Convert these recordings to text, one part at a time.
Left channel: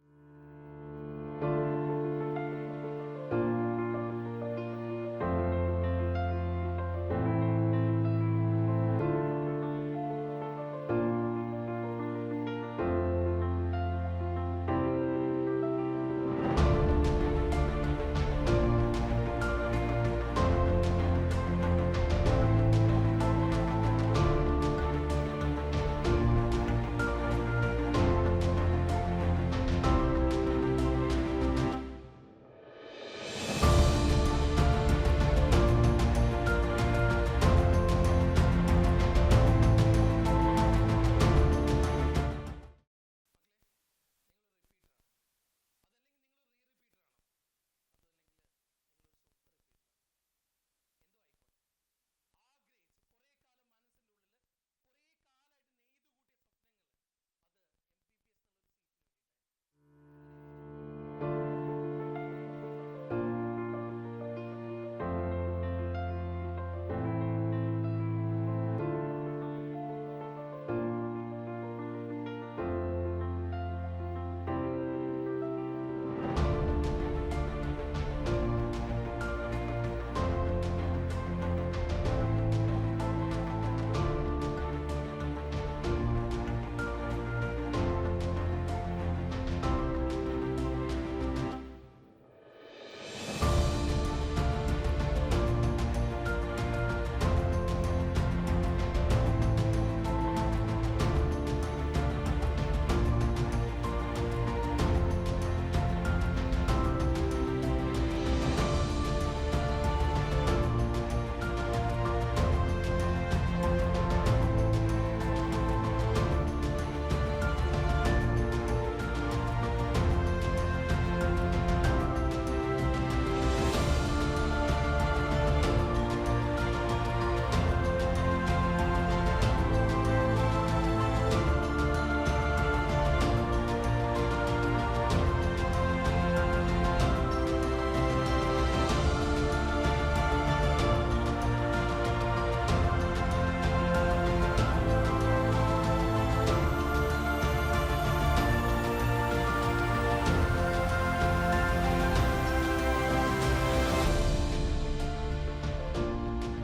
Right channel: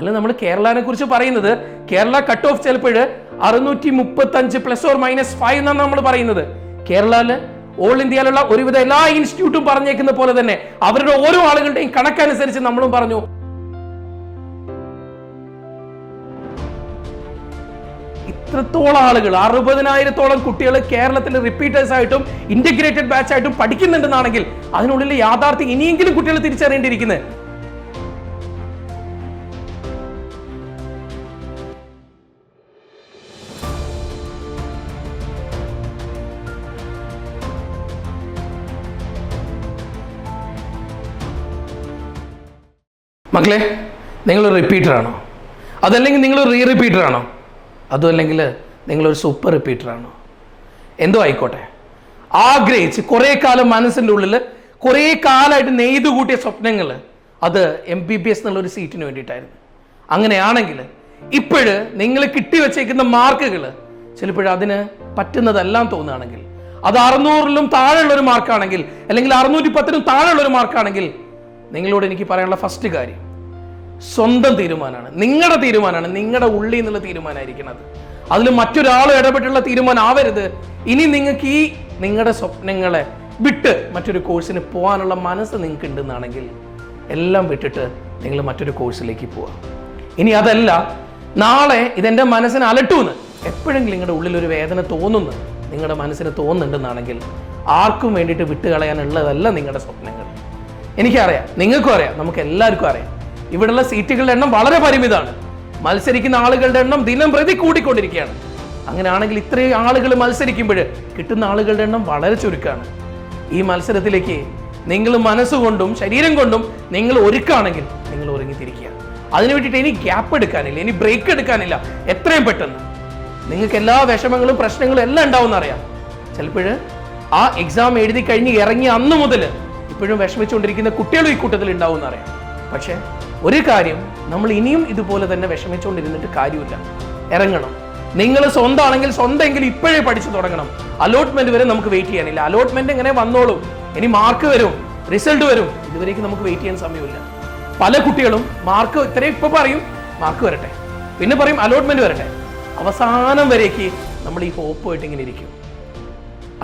അല്ല നമ്മൾ കേരളനെ കുറിച്ച് പറയുന്നത് കേരള കട്ട് ഓഫ് ചിലപ്പോൾ 635 ± 5 എന്നാണ് നമ്മൾ പറയുന്നത്. കേരളയില് ഓൾ ഇന്ത്യയിലുള്ള ഒരുവിധ എല്ലാ ഇൻസ്റ്റിറ്റ്യൂട്ടും പറഞ്ഞേക്കുന്ന പോലെ തന്നെ അവരുടെ ഓരോ ആളുകളുടെയും കണക്കനുസരിച്ച് നമ്മളും പറഞ്ഞു. ഇത്രത്തോളം ആളുകൾ 60,000-ഓളം കുട്ടികൾ കേരളത്തിൽ റിപ്പീറ്റേഴ്സ് ആയിട്ടും ഇന്റഗ്രേറ്റഡ് ബാച്ച് ആയിട്ടും പഠിക്കുന്നുണ്ടെന്നാണെങ്കിൽ അതിനുള്ളിൽ യാഥാർത്ഥ്യം ഇനിയെങ്കിലും കുട്ടികൾ തിരിച്ചറിയേണ്ടിയിരിക്കുന്നത്. മക്കളെ, നിങ്ങളൊരു റിപ്പീറ്ററാണോ? അതല്ലെങ്കിൽ നിങ്ങളൊരു റീ റിപ്പീറ്ററാണോ? അതും അല്ലെങ്കിൽ നിങ്ങളൊരു സൂപ്പർ റിപ്പീറ്ററാണോ? എന്തോ ആയിക്കോട്ടെ, ആഗ്രഹിച്ച് കുറേ കാലം മനസ്സിൻ്റെ ഉള്ളിൽ കുറേ കാലമായിട്ട് നെയ്തു കൂട്ടിയ സ്വപ്നങ്ങൾ അത് MBBS എന്നുള്ളൊരു സീറ്റിന് വേണ്ടിയിട്ടായിരുന്നു. അങ്ങനെയാണെങ്കിൽ ഇപ്പോഴ് നിങ്ങൾ കിട്ടിവെച്ചേക്കുന്ന മാർക്കുകൾ ചിലപ്പോഴും അതിന് പറ്റുന്നതെല്ലാം തോന്നുകയാണെങ്കിൽ, അത് 600-ലും താഴെയുള്ളൊരു മാർക്കാണെങ്കിൽ, അല്ലെങ്കിൽ 610-നും താഴെയുള്ളൊരു മാർക്കാണെങ്കിൽ, നിങ്ങളോട് എനിക്ക് പറയാനുള്ള ഫസ്റ്റ് കാര്യം സ്വന്തം തീരുമാനമാണ്, നിങ്ങളുടെ തീരുമാനമാണ്, നിങ്ങളുടെ ഉള്ളിൽ നിന്നുള്ള തീരുമാനമായിരിക്കുന്നത്. അതിൽ മറ്റൊരാൾ ഇടപെട്ടുള്ള തീരുമാനം ആവരുത്. ഇനി നിങ്ങൾക്ക് നിങ്ങളുടെ സ്വപ്നങ്ങളെ വിട്ട് മറ്റൊരു കോഴ്സിന് പോകാനുള്ള മനസ്സ് നിങ്ങൾക്ക് ഉണ്ടെന്നാണെങ്കിൽ എല്ലാം വിട്ടിട്ട് നിങ്ങൾ മറ്റൊരു കോഴ്സിലേക്ക് പോവാം. ഇനി അതല്ല, നാളെ ഇതെൻ്റെ മനസ്സിനെ അലട്ടുമെന്ന് എപ്പോഴെങ്കിലും നിങ്ങളുടെ ഉള്ളിൽ ഒരു വേദന തോന്നുന്നു, നിങ്ങളുടെ മനസ്സിന് തോന്നുന്നുണ്ടെന്നാണെങ്കിൽ ആർക്കും വേണ്ടിയിട്ട് വിട്ടുകളയാനുള്ളതല്ല നിങ്ങളുടെ സ്വപ്നങ്ങൾ. എനിക്കറിയാം, നിങ്ങൾക്കും അറിയാം, നമുക്ക് എല്ലാവർക്കും അറിയാം, ഇവിടെയുള്ള സീറ്റുകളുടെ എണ്ണം വളരെ പരിമിതമാണ്. മത്സരിക്കുന്ന ആളുകളുടെ എണ്ണം ദിനം പ്രതി കൂടിക്കൊണ്ടിരിക്കുകയാണ്. അങ്ങനെയാണെങ്കിൽ ഇത്രയും ആളുകൾ മത്സരിക്കുമ്പോൾ കിട്ടുന്ന ആളുകളുടെ എണ്ണം വളരെ ചുരുക്കമാണ്. ഈ മത്സരത്തിലേക്ക് നിങ്ങൾ മനസ്സുകൊണ്ടും ശരീരം കൊണ്ടും നിങ്ങൾ ഒരുക്കാണെങ്കിൽ നിങ്ങൾ ഒരുങ്ങിത്തിരിക്കുക. അതിനു വേണ്ടിയിട്ട് ഇനി ഗ്യാപ്പ് എടുക്കാനില്ല, ഇനി ബ്രേക്ക് എടുക്കാനില്ല. എത്രയും പെട്ടെന്ന് നിങ്ങൾക്ക് എല്ലാ വിഷമങ്ങളും പ്രശ്നങ്ങളും എല്ലാം ഉണ്ടാവും അറിയാം. ചിലപ്പോൾ ആ എക്സാം എഴുതി കഴിഞ്ഞ് ഇറങ്ങി അന്ന് മുതൽ ഇപ്പോഴും വിഷമിച്ചുകൊണ്ടിരിക്കുന്ന കുട്ടികളും ഈ കൂട്ടത്തിൽ ഉണ്ടാവും എന്നറിയാം. പക്ഷെ ഒരു കാര്യം, നമ്മൾ ഇനിയും ഇതുപോലെ തന്നെ വിഷമിച്ചുകൊണ്ടിരുന്നിട്ട് കാര്യമില്ല, ഇറങ്ങണം. നിങ്ങൾ സ്വന്തമാണെങ്കിൽ സ്വന്തമെങ്കിലും ഇപ്പോഴേ പഠിച്ചു തുടങ്ങണം. അലോട്ട്മെന്റ് വരെ നമുക്ക് വെയിറ്റ് ചെയ്യാനില്ല. അലോട്ട്മെന്റ് എങ്ങനെ വന്നോളും, ഇനി മാർക്ക് വരും, റിസൾട്ട് വരും, ഇതുവരേക്കും നമുക്ക് വെയിറ്റ് ചെയ്യാൻ സമയമില്ല. പല കുട്ടികളും മാർക്ക് ഇത്രയും ഇപ്പൊ പറയും മാർക്ക് വരട്ടെ, പിന്നെ പറയും അലോട്ട്മെന്റ് വരട്ടെ, അവസാനം വരേക്ക് നമ്മൾ ഈ ഹോപ്പായിട്ട് ഇങ്ങനെ ഇരിക്കും.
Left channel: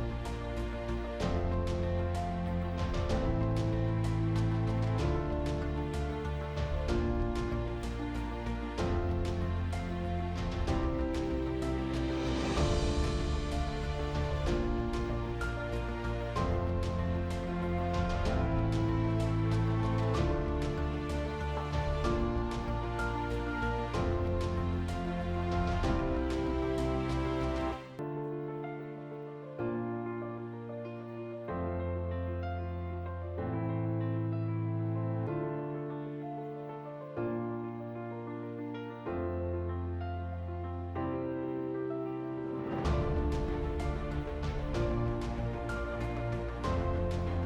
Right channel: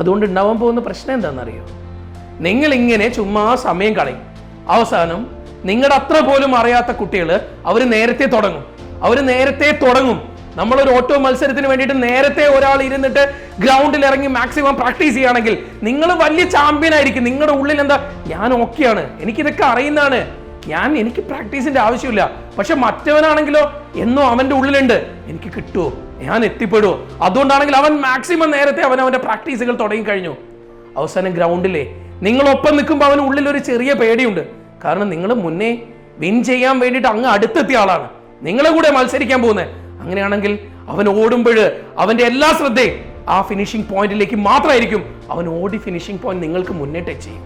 അതുകൊണ്ട് ഉണ്ടാവാൻ പോകുന്ന പ്രശ്നം എന്താണെന്നറിയോ? നിങ്ങൾ ഇങ്ങനെ ചുമ്മാ സമയം കളയും. അവസാനം നിങ്ങളുടെ അത്ര പോലും അറിയാത്ത കുട്ടികൾ അവർ നേരത്തെ തുടങ്ങും. നമ്മളൊരു ഓട്ടോ മത്സരത്തിന് വേണ്ടിയിട്ട് നേരത്തെ ഒരാൾ ഇരുന്നിട്ട് ഗ്രൗണ്ടിൽ ഇറങ്ങി മാക്സിമം പ്രാക്ടീസ് ചെയ്യുകയാണെങ്കിൽ നിങ്ങൾ വലിയ ചാമ്പ്യൻ ആയിരിക്കും. നിങ്ങളുടെ ഉള്ളിൽ എന്താ, ഞാൻ ഓക്കെയാണ്, എനിക്കിതൊക്കെ അറിയുന്നതാണ്, എനിക്ക് പ്രാക്ടീസിന്റെ ആവശ്യമില്ല. പക്ഷെ മറ്റവനാണെങ്കിലോ എന്നോ അവന്റെ ഉള്ളിലുണ്ട്, എനിക്ക് കിട്ടുമോ, ഞാൻ എത്തിപ്പെടുമോ. അതുകൊണ്ടാണെങ്കിൽ അവൻ മാക്സിമം നേരത്തെ അവന്റെ പ്രാക്ടീസുകൾ തുടങ്ങി കഴിഞ്ഞു. അവസാനം ഗ്രൗണ്ടിലെ നിങ്ങളൊപ്പം നിൽക്കുമ്പോൾ അവന് ഉള്ളിൽ ഒരു ചെറിയ പേടിയുണ്ട്. കാരണം നിങ്ങൾ മുന്നേ വിൻ ചെയ്യാൻ വേണ്ടിയിട്ട് അങ്ങ് അടുത്തെത്തിയ ആളാണ്, നിങ്ങളെ കൂടെ മത്സരിക്കാൻ പോകുന്നത്. അങ്ങനെയാണെങ്കിൽ അവൻ ഓടുമ്പോൾ അവന്റെ എല്ലാ ശ്രദ്ധയും ആ ഫിനിഷിംഗ് പോയിന്റിലേക്ക് മാത്രമായിരിക്കും. അവൻ ഓടി ഫിനിഷിംഗ് പോയിന്റ് നിങ്ങൾക്ക് മുന്നേ ടച്ച് ചെയ്യും.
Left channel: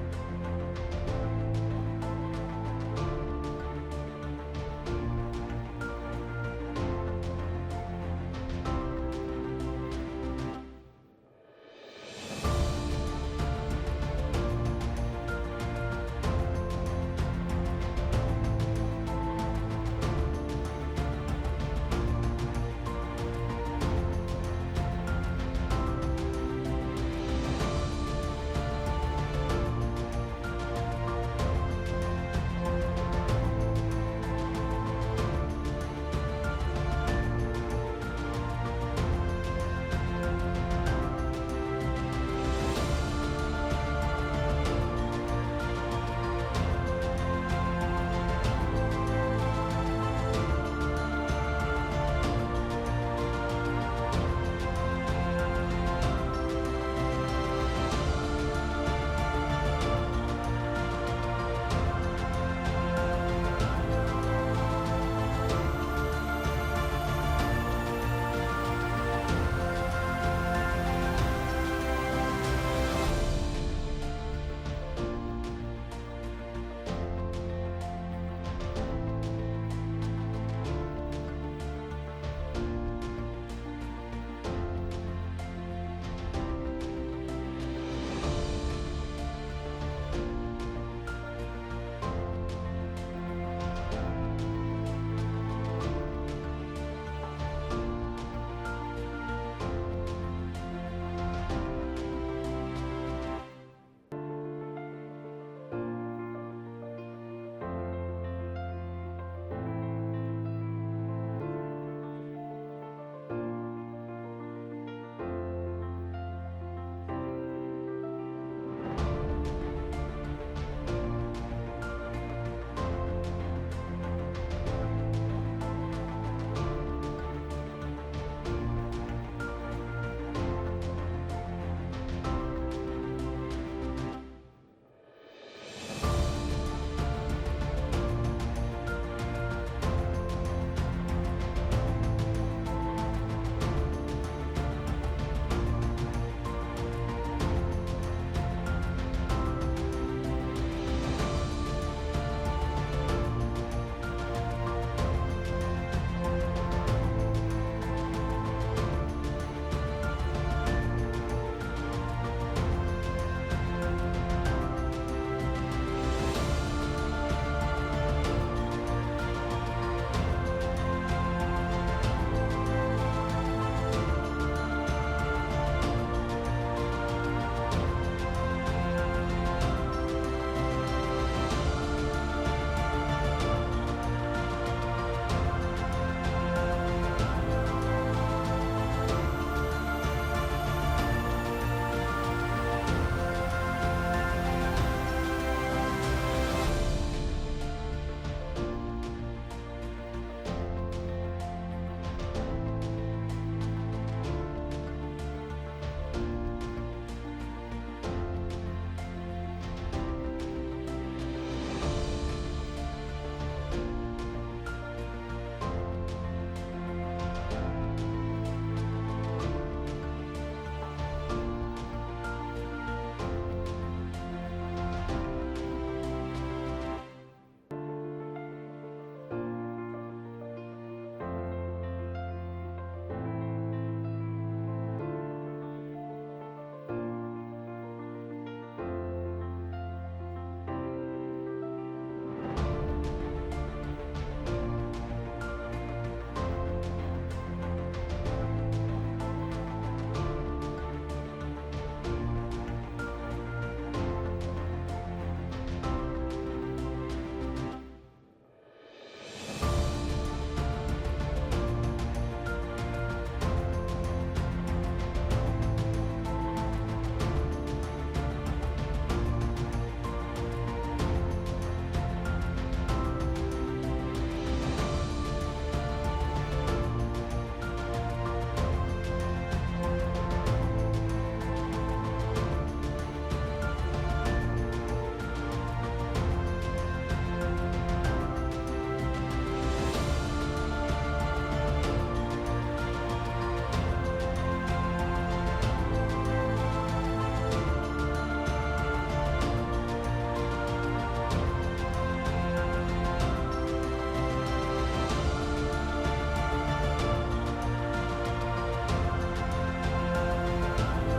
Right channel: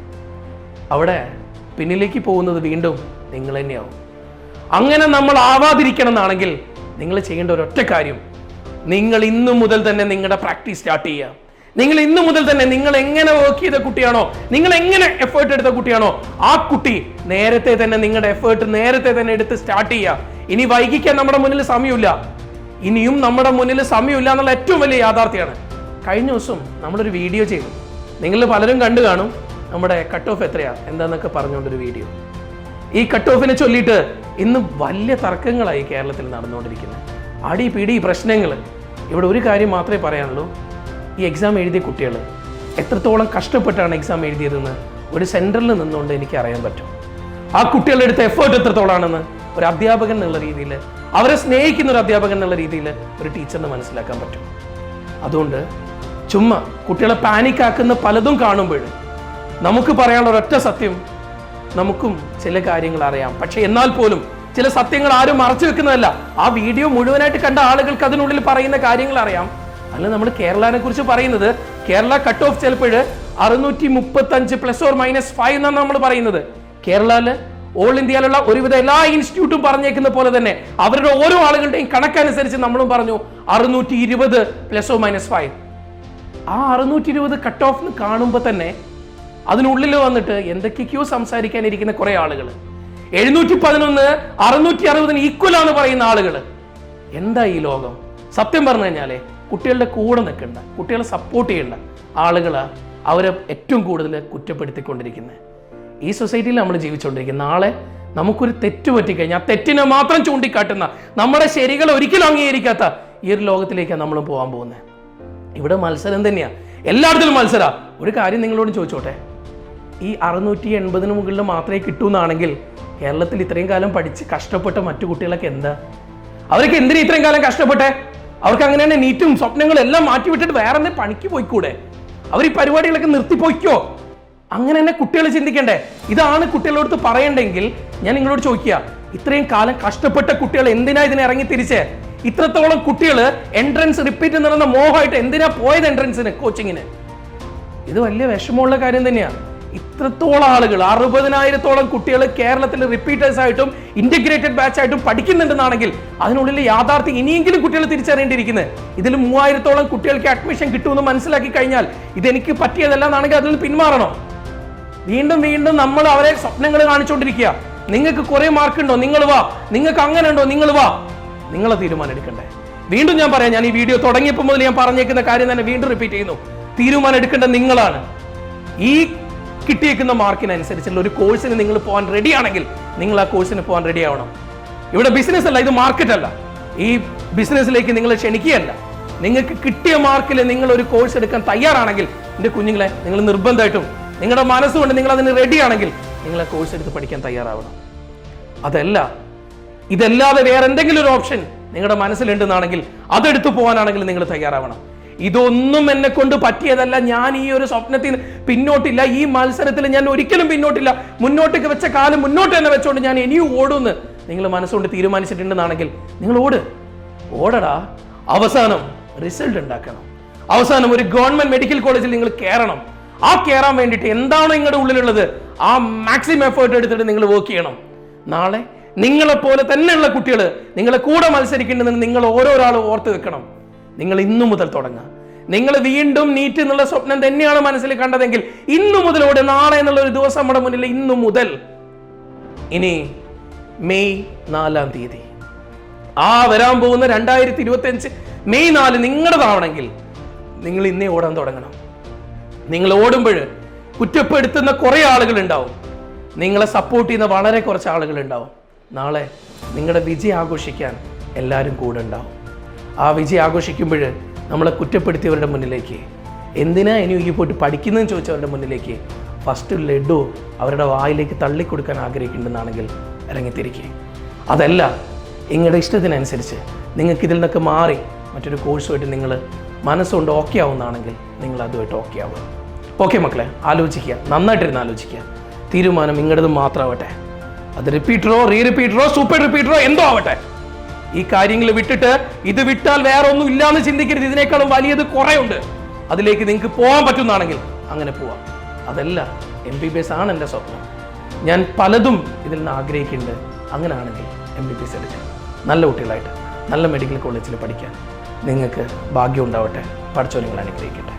അവിടെ പിന്നിലേക്ക് പോകുന്നത് വീണ്ടും നിങ്ങൾ തന്നെയാവും. അങ്ങനെ നമ്മൾ ആവാതിരിക്കണം എന്നാണെങ്കിൽ നിങ്ങൾ ചെയ്യേണ്ട ഒരൊറ്റ കാര്യം, നിങ്ങൾ ഇന്നു മുതൽ തന്നെ നിങ്ങളുടെ പ്രാക്ടീസ് സ്റ്റാർട്ട് ചെയ്യുക. നിങ്ങൾ ഇന്നു മുതൽ തന്നെ നിങ്ങൾ എങ്ങനെ വർക്ക് ചെയ്ത കുട്ടിയാണോ, നിങ്ങൾ എങ്ങനെ എഫേർട്ട് എടുത്ത കുട്ടിയാണോ, ആ കുട്ടി നേരത്തെ തന്നെ നിങ്ങളുടെ എഫേർട്ട് നേരത്തെ തന്നെ എടുത്ത് സ്റ്റാർട്ട് ചെയ്യുക. ഇനി വൈകിക്കാൻ നമ്മുടെ മുന്നിൽ സമയമില്ല, ഇനിയും നമ്മുടെ മുന്നിൽ സമയമില്ല എന്നുള്ള ഏറ്റവും വലിയ യാഥാർത്ഥ്യമാണ്. കഴിഞ്ഞ ദിവസം നമ്മളൊരു വീഡിയോ ചെയ്തു, നിങ്ങൾ പലരും കണ്ടു കാണും. നമ്മുടെ കട്ട് ഓഫ് എത്രയാ എന്താന്നൊക്കെ പറഞ്ഞുകൊണ്ടൊരു വീഡിയോ. ഈ കട്ട് ഓഫിനെ ചൊല്ലിയിട്ട് ഇന്ന് വലിയ തർക്കങ്ങളായി കേരളത്തിൽ നടന്നുകൊണ്ടിരിക്കുന്നത്, അടി പിടി പ്രശ്നങ്ങൾ. ഇവിടെ ഒരു കാര്യം മാത്രമേ പറയാനുള്ളൂ, ഈ എക്സാം എഴുതിയ കുട്ടികൾ എത്രത്തോളം കഷ്ടപ്പെട്ടാണ് എക്സാം എഴുതിയതെന്ന് ഒരു സെൻറ്ററിൽ നിന്നുകൊണ്ട് എനിക്ക് അറിയാൻ പറ്റും. ആ കുട്ടികളുടെ അടുത്ത എഫേർട്ട് എത്രത്തോളാണെന്ന് ഒരു അധ്യാപകൻ എന്നുള്ള രീതിയിൽ, അവരെ സ്നേഹിക്കുന്ന ഒരു അധ്യാപകൻ എന്നുള്ള രീതിയിൽ ഒരു ടീച്ചറിന് മനസ്സിലാക്കാൻ പറ്റും. അതുകൊണ്ട് ചുമ്മാ കുട്ടികളെ പാനിക് ആക്കുന്ന പലതും കാണുമ്പോൾ നമുക്ക് പറയാനുള്ള ഒരൊറ്റ സത്യം, നമുക്കും ചില കാര്യങ്ങൾ അറിയാം, പക്ഷെ എന്നാൽ പോലും ചില സത്യങ്ങൾ ആരും മറച്ചു വെക്കുന്നതല്ല. ആ വീഡിയോ മുഴുവനായിട്ട് കണ്ട ആളുകൾക്ക് അതിനുള്ളിൽ പറയുന്ന കാര്യങ്ങൾ അറിയാം. അല്ല നമ്മൾ കേരളനെ കുറിച്ച് പറയുന്നത്, കേരള കട്ട് ഓഫ് ചിലപ്പോൾ 635 ± 5 എന്നാണ് നമ്മൾ പറയുന്നത്. കേരളയില് ഓൾ ഇന്ത്യയിലുള്ള ഒരുവിധ എല്ലാ ഇൻസ്റ്റിറ്റ്യൂട്ടും പറഞ്ഞേക്കുന്ന പോലെ തന്നെ അവരുടെ ഓരോ ആളുകളുടെയും കണക്കനുസരിച്ച് നമ്മളും പറഞ്ഞു 620 ± 5. ആ 620 കട്ട് ഓഫ് കാണുമ്പോൾ തന്നെ അതിനുള്ളിൽ വന്നിട്ട് എന്തൊക്കെയോ സംസാരിക്കാനിരിക്കുന്ന കുറെ ആളുകൾ. 711 660 ഈക്വലാന്ന് പറയുന്ന ആളുകൾ. എന്താ ഈ ലോകം? സത്യം പറഞ്ഞു കഴിഞ്ഞാലേ കുട്ടികളുടെ കൂടെ നിൽക്കേണ്ട, കുട്ടികളെ സപ്പോർട്ട് ചെയ്യേണ്ട ആളുകളാ അവരെ ഏറ്റവും കൂടുതൽ കുറ്റപ്പെടുത്തിക്കൊണ്ടിരിക്കുന്നത്. ഈ സൊസൈറ്റിയിൽ നമ്മൾ ജീവിച്ചുകൊണ്ടിരിക്കുന്നത്. നാളെ നമുക്കൊരു തെറ്റ് പറ്റിക്കഴിഞ്ഞാൽ ആ തെറ്റിനെ മാത്രം ചൂണ്ടിക്കാട്ടുന്ന, നമ്മുടെ ശരികൾ ഒരിക്കലും അംഗീകരിക്കാത്ത ഈ ഒരു ലോകത്തിലേക്കാണ് നമ്മൾ പോകാൻ പോകുന്നത്. ഇവിടെ മത്സരം തന്നെയാണ്, എല്ലായിടത്തിലും മത്സര. ഒരു കാര്യം നിങ്ങളോട് ചോദിച്ചോട്ടെ, ഈ 680 മുകളിൽ മാത്രമേ കിട്ടൂന്നാണെങ്കിൽ കേരളത്തിൽ ഇത്രയും കാലം പഠിച്ച് കഷ്ടപ്പെട്ട മറ്റു കുട്ടികളൊക്കെ എന്താ? അവർക്ക് എന്തിനാ ഇത്രയും കാലം കഷ്ടപ്പെട്ടെ? അവർക്ക് അങ്ങനെ തന്നെ നീറ്റും സ്വപ്നങ്ങളും എല്ലാം മാറ്റിവിട്ടിട്ട് വേറെ എന്തെങ്കിലും പണിക്ക് പോയിക്കൂടെ? അവർ ഈ പരിപാടികളൊക്കെ നിർത്തിപ്പോയിക്കോ? അങ്ങനെ തന്നെ കുട്ടികൾ ചിന്തിക്കണ്ടേ? ഇതാണ് കുട്ടികളോട് പറയണ്ടെങ്കിൽ ഞാൻ നിങ്ങളോട് ചോദിക്കുക, ഇത്രയും കാലം കഷ്ടപ്പെട്ട കുട്ടികൾ എന്തിനാ ഇതിനെ ഇറങ്ങി തിരിച്ചേ? ഇത്രത്തോളം കുട്ടികൾ എൻട്രൻസ് റിപ്പീറ്റ് എന്ന് പറയുന്ന മോഹമായിട്ട് എന്തിനാ പോയത് എൻട്രൻസിന്, കോച്ചിങ്ങിന്? ഇത് വലിയ വിഷമമുള്ള കാര്യം തന്നെയാണ്. ഇത്രത്തോളം ആളുകൾ, 60,000-ഓളം കുട്ടികൾ കേരളത്തിൽ റിപ്പീറ്റേഴ്സ് ആയിട്ടും ഇന്റഗ്രേറ്റഡ് ബാച്ച് ആയിട്ടും പഠിക്കുന്നുണ്ടെന്നാണെങ്കിൽ അതിനുള്ളിൽ യാഥാർത്ഥ്യം ഇനിയെങ്കിലും കുട്ടികൾ തിരിച്ചറിയേണ്ടിയിരിക്കുന്നത്. ഇതിൽ 3000-ഓളം കുട്ടികൾക്ക് അഡ്മിഷൻ കിട്ടുമെന്ന് മനസ്സിലാക്കി കഴിഞ്ഞാൽ ഇതെനിക്ക് പറ്റിയതല്ല എന്നാണെങ്കിൽ അതിൽ നിന്ന് പിന്മാറണം. വീണ്ടും വീണ്ടും നമ്മൾ അവരെ സ്വപ്നങ്ങൾ കാണിച്ചുകൊണ്ടിരിക്കുക. നിങ്ങൾക്ക് കുറെ മാർക്ക് ഉണ്ടോ, നിങ്ങൾ വാ. നിങ്ങൾക്ക് അങ്ങനെ ഉണ്ടോ, നിങ്ങൾ വാ. നിങ്ങളെ തീരുമാനം എടുക്കണ്ടേ? വീണ്ടും ഞാൻ പറയാം, ഞാൻ ഈ വീഡിയോ തുടങ്ങിയപ്പോൾ മുതൽ ഞാൻ പറഞ്ഞേക്കുന്ന കാര്യം തന്നെ വീണ്ടും റിപ്പീറ്റ് ചെയ്യുന്നു. തീരുമാനം എടുക്കേണ്ടത് നിങ്ങളാണ്. ഈ കിട്ടിയേക്കുന്ന മാർക്കിനനുസരിച്ചുള്ള ഒരു കോഴ്സിന് നിങ്ങൾ പോകാൻ റെഡി ആണെങ്കിൽ നിങ്ങൾ ആ കോഴ്സിന് പോകാൻ റെഡി ആവണം. ഇവിടെ ബിസിനസ് അല്ല, ഇത് മാർക്കറ്റ് അല്ല. ഈ ബിസിനസ്സിലേക്ക് നിങ്ങൾ ക്ഷണിക്കുകയല്ല. നിങ്ങൾക്ക് കിട്ടിയ മാർക്കിൽ നിങ്ങൾ ഒരു കോഴ്സ് എടുക്കാൻ തയ്യാറാണെങ്കിൽ എൻ്റെ കുഞ്ഞുങ്ങളെ, നിങ്ങൾ നിർബന്ധമായിട്ടും നിങ്ങളുടെ മനസ്സുകൊണ്ട് നിങ്ങൾ അതിന് റെഡി ആണെങ്കിൽ നിങ്ങൾ ആ കോഴ്സ് എടുത്ത് പഠിക്കാൻ തയ്യാറാവണം. അതല്ല, ഇതല്ലാതെ വേറെ എന്തെങ്കിലും ഒരു ഓപ്ഷൻ നിങ്ങളുടെ മനസ്സിലുണ്ടെന്നാണെങ്കിൽ അതെടുത്തു പോകാനാണെങ്കിൽ നിങ്ങൾ തയ്യാറാവണം. ഇതൊന്നും എന്നെ കൊണ്ട് പറ്റിയതല്ല, ഞാൻ ഈ ഒരു സ്വപ്നത്തിൽ പിന്നോട്ടില്ല, ഈ മത്സരത്തിൽ ഞാൻ ഒരിക്കലും പിന്നോട്ടില്ല, മുന്നോട്ടേക്ക് വെച്ച കാലം മുന്നോട്ട് തന്നെ വെച്ചോണ്ട് ഞാൻ ഇനിയും ഓടുമെന്ന് നിങ്ങൾ മനസ്സുകൊണ്ട് തീരുമാനിച്ചിട്ടുണ്ടെന്നാണെങ്കിൽ നിങ്ങൾ ഓടടാ. അവസാനം റിസൾട്ട് ഉണ്ടാക്കണം. അവസാനം ഒരു ഗവൺമെന്റ് മെഡിക്കൽ കോളേജിൽ നിങ്ങൾ കയറണം. ആ കയറാൻ വേണ്ടിയിട്ട് എന്താണോ നിങ്ങളുടെ ഉള്ളിലുള്ളത് ആ മാക്സിമം എഫേർട്ട് എടുത്തിട്ട് നിങ്ങൾ വർക്ക് ചെയ്യണം. നാളെ നിങ്ങളെപ്പോലെ തന്നെയുള്ള കുട്ടികൾ നിങ്ങളെ കൂടെ മത്സരിക്കേണ്ടതെന്ന് നിങ്ങൾ ഓരോരാളും ഓർത്ത് വെക്കണം. നിങ്ങൾ ഇന്നു മുതൽ തുടങ്ങുക. നിങ്ങൾ വീണ്ടും നീറ്റ് എന്നുള്ള സ്വപ്നം തന്നെയാണ് മനസ്സിൽ കണ്ടതെങ്കിൽ ഇന്നു മുതലോടെ, നാളെ എന്നുള്ള ഒരു ദിവസം നമ്മുടെ മുന്നിൽ, ഇന്നു മുതൽ ഇനി മെയ് 4-ാം തീയതി ആ വരാൻ പോകുന്ന 2025 മെയ് 4 നിങ്ങളുടേതാവണമെങ്കിൽ നിങ്ങൾ ഇന്നേ ഓടാൻ തുടങ്ങണം. നിങ്ങൾ ഓടുമ്പോൾ കുറ്റപ്പെടുത്തുന്ന കുറെ ആളുകൾ ഉണ്ടാവും, നിങ്ങളെ സപ്പോർട്ട് ചെയ്യുന്ന വളരെ കുറച്ച് ആളുകൾ ഉണ്ടാവും. നാളെ നിങ്ങളുടെ വിജയം ആഘോഷിക്കാൻ എല്ലാവരും കൂടെ ഉണ്ടാവും. ആ വിജയം ആഘോഷിക്കുമ്പോൾ നമ്മളെ കുറ്റപ്പെടുത്തിയവരുടെ മുന്നിലേക്ക്, എന്തിനാ ഇനി ഈ പോയിട്ട് പഠിക്കുന്നതെന്ന് ചോദിച്ചവരുടെ മുന്നിലേക്ക് ഫസ്റ്റ് ലഡു അവരുടെ വായിലേക്ക് തള്ളിക്കൊടുക്കാൻ ആഗ്രഹിക്കുന്നുണ്ടെന്നാണെങ്കിൽ ഇറങ്ങിത്തിരിക്കുക. അതല്ല, നിങ്ങളുടെ ഇഷ്ടത്തിനനുസരിച്ച് നിങ്ങൾക്ക് ഇതിൽ നിന്നൊക്കെ മാറി മറ്റൊരു കോഴ്സുമായിട്ട് നിങ്ങൾ മനസ്സുകൊണ്ട് ഓക്കെ ആവുന്നതാണെങ്കിൽ നിങ്ങൾ അതുമായിട്ട് ഓക്കെ ആവുക. ഓക്കെ മക്കളെ, ആലോചിക്കുക, നന്നായിട്ടിരുന്ന് ആലോചിക്കുക. തീരുമാനം നിങ്ങളുടേത് മാത്രമാവട്ടെ. അത് റിപ്പീറ്ററോ റിപ്പീറ്ററോ സൂപ്പർ റിപ്പീറ്ററോ എന്തോ ആവട്ടെ. ഈ കാര്യങ്ങൾ വിട്ടിട്ട് ഇത് വിട്ടാൽ വേറെ ഒന്നും ഇല്ലാന്ന് ചിന്തിക്കരുത്. ഇതിനേക്കാളും വലിയത് കുറെ ഉണ്ട്. അതിലേക്ക് നിങ്ങൾക്ക് പോകാൻ പറ്റുന്നതാണെങ്കിൽ അങ്ങനെ പോവാം. അതല്ല, MBBS ആണ് എൻ്റെ സ്വപ്നം, ഞാൻ പലതും ഇതിൽ നിന്ന് ആഗ്രഹിക്കുന്നുണ്ട്, അങ്ങനെ ആണെങ്കിൽ MBBS എടുക്കും. നല്ല കുട്ടികളായിട്ട് നല്ല മെഡിക്കൽ കോളേജിൽ പഠിക്കാൻ നിങ്ങൾക്ക് ഭാഗ്യം ഉണ്ടാവട്ടെ. പഠിച്ചോ, നിങ്ങൾ അനുഗ്രഹിക്കട്ടെ.